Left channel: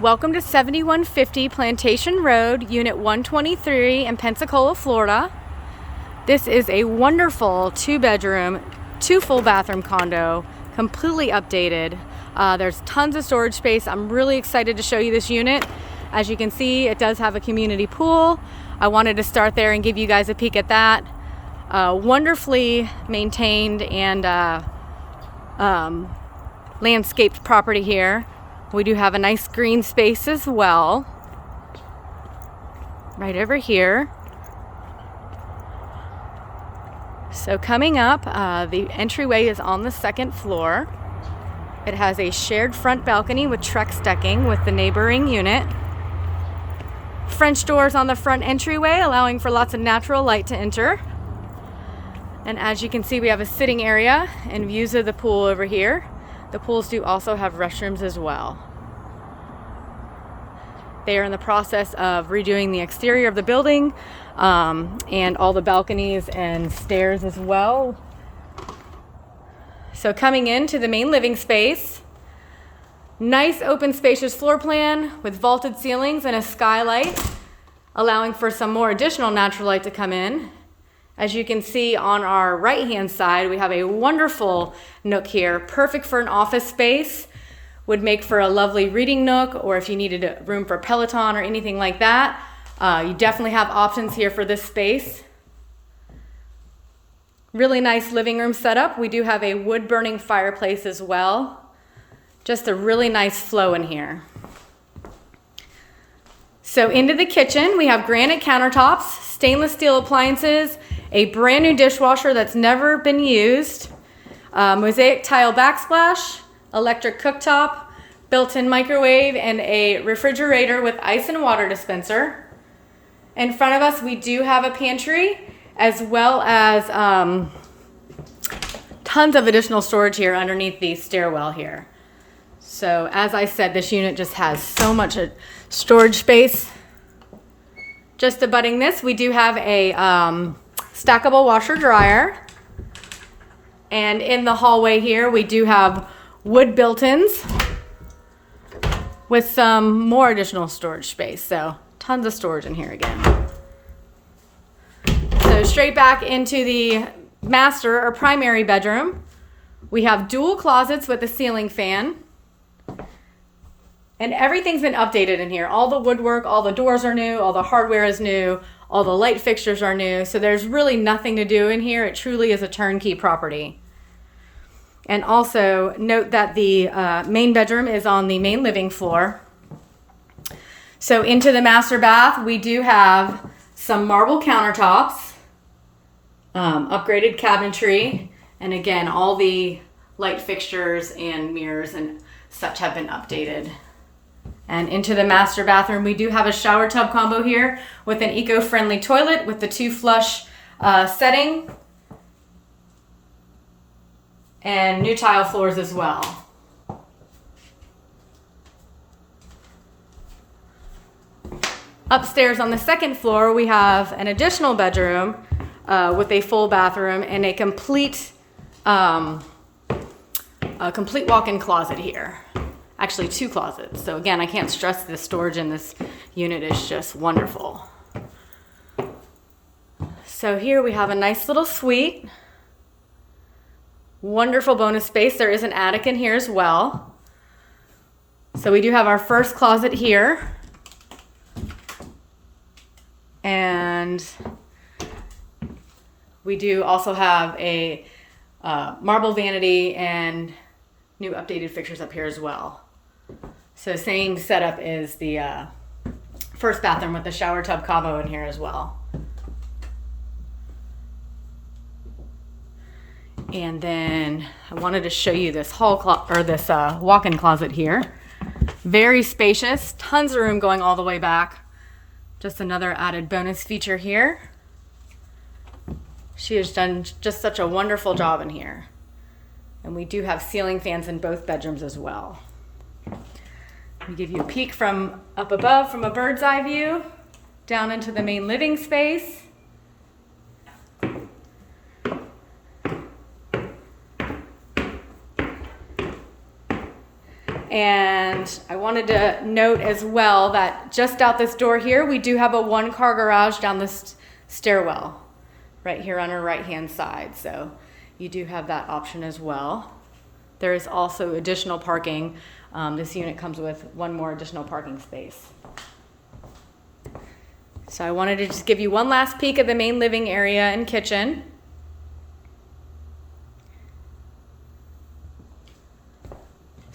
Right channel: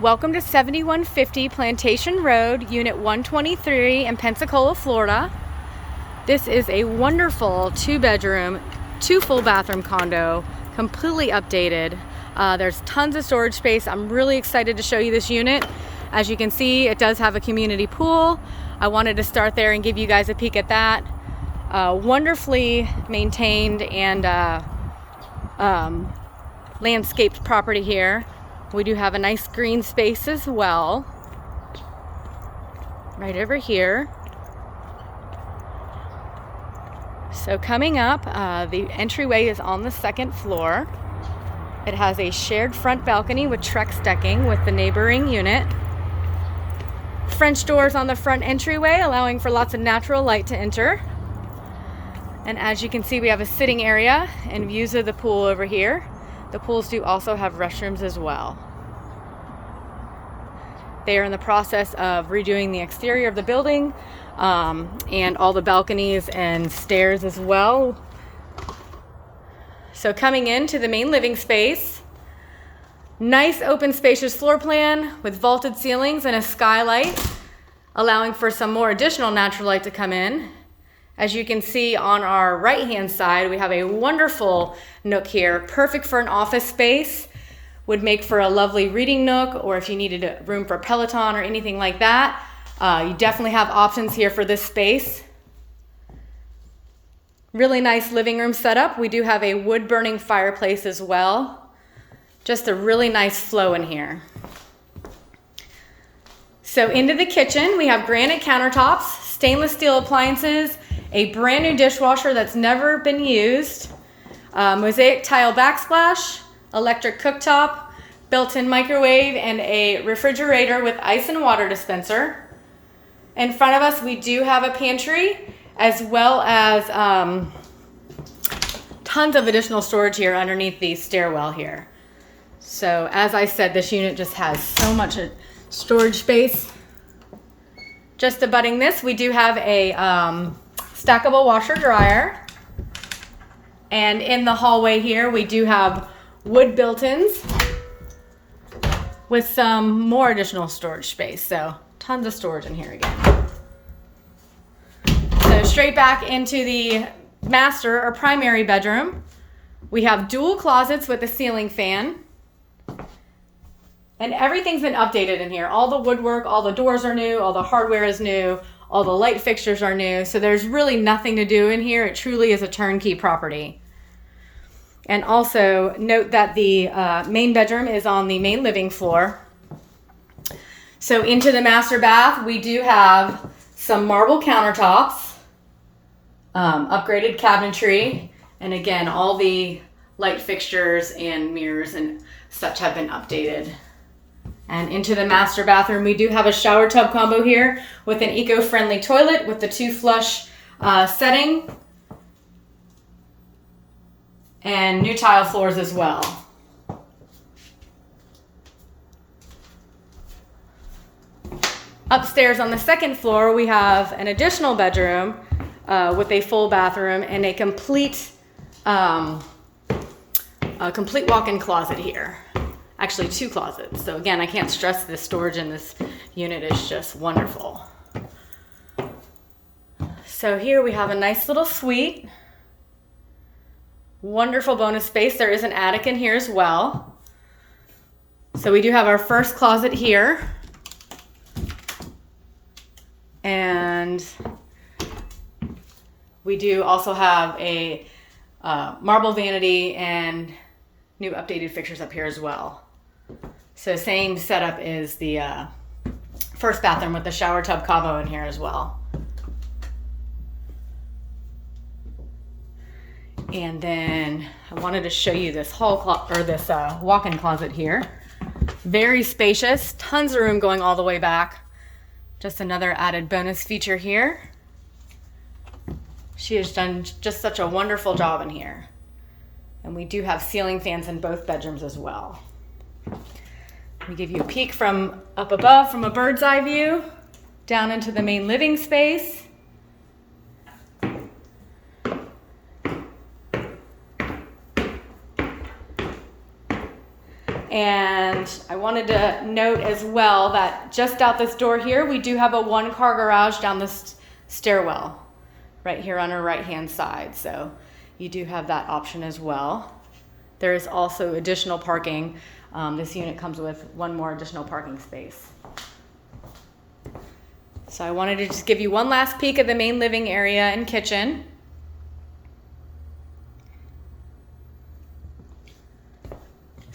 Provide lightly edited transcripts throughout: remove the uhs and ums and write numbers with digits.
Welcome to 7150 Plantation Road, Unit 123 in Pensacola, Florida. This is a wonderful 2-bedroom, 2 full bathroom condo, completely updated. There's tons of storage space. I'm really excited to show you this unit. As you can see, it does have a community pool. I wanted to start there and give you guys a peek at that. Wonderfully maintained and landscaped property here. We do have a nice green space as well, right over here. So coming up, the entryway is on the 2nd floor. It has a shared front balcony with trex decking with the neighboring unit. French doors on the front entryway, allowing for lots of natural light to enter. And as you can see, we have a sitting area and views of the pool over here. The pools do also have restrooms as well. They are in the process of redoing the exterior of the building and all the balconies and stairs as well. So coming into the main living space, nice open spacious floor plan with vaulted ceilings and a skylight, allowing for some more additional natural light to come in. As you can see on our right hand side, we have a wonderful nook here, perfect for an office space. Would make for a lovely reading nook, or if you needed a room for Peloton or anything like that. You definitely have options here for this space. Really nice living room setup. We do have a wood burning fireplace as well. Just a really nice flow in here. So into the kitchen, we have granite countertops, stainless steel appliances, a brand new dishwasher that's never been used, mosaic tile backsplash, electric cooktop, built-in microwave, and a refrigerator with ice and water dispenser. In front of us, we do have a pantry, as well as tons of additional storage here underneath the stairwell here. So as I said, this unit just has so much storage space. Just abutting this, we do have a stackable washer dryer. And in the hallway here, we do have wood built-ins with some more additional storage space. So tons of storage in here again. So straight back into the master or primary bedroom, we have dual closets with a ceiling fan. And everything's been updated in here. All the woodwork, all the doors are new, all the hardware is new, all the light fixtures are new. So there's really nothing to do in here. It truly is a turnkey property. And also note that the main bedroom is on the main living floor. So into the master bath, we do have some marble countertops, upgraded cabinetry, and again, all the light fixtures and mirrors and such have been updated. And into the master bathroom, we do have a shower tub combo here with an eco-friendly toilet with the 2 flush setting. And new tile floors as well. Upstairs on the 2nd floor, we have an additional bedroom with a full bathroom and a complete walk-in closet here. Actually, 2 closets. So again, I can't stress the storage in this unit is just wonderful. So here we have a nice little suite. Wonderful bonus space. There is an attic in here as well. So we do have our first closet here. And we do also have a marble vanity and new updated fixtures up here as well. So same setup as the first bathroom with the shower tub combo in here as well. And then I wanted to show you this walk-in closet here. Very spacious, tons of room going all the way back. Just another added bonus feature here. She has done just such a wonderful job in here. And we do have ceiling fans in both bedrooms as well. Let me give you a peek from up above from a bird's eye view down into the main living space. And And I wanted to note as well that just out this door here, we do have a 1-car garage down this stairwell right here on our right-hand side. So you do have that option as well. There is also additional parking. This unit comes with 1 more additional parking space. So I wanted to just give you one last peek at the main living area and kitchen.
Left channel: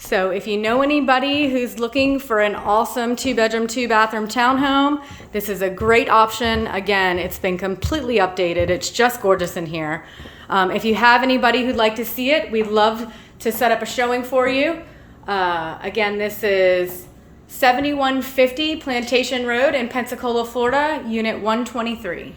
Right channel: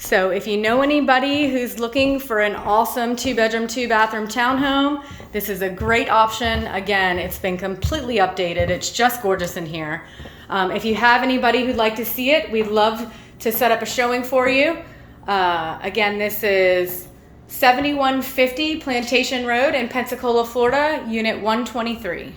So if you know anybody who's looking for an awesome 2-bedroom, 2-bathroom townhome, this is a great option. Again, it's been completely updated. It's just gorgeous in here. If you have anybody who'd like to see it, we'd love to set up a showing for you. Again, this is 7150 Plantation Road in Pensacola, Florida, Unit 123.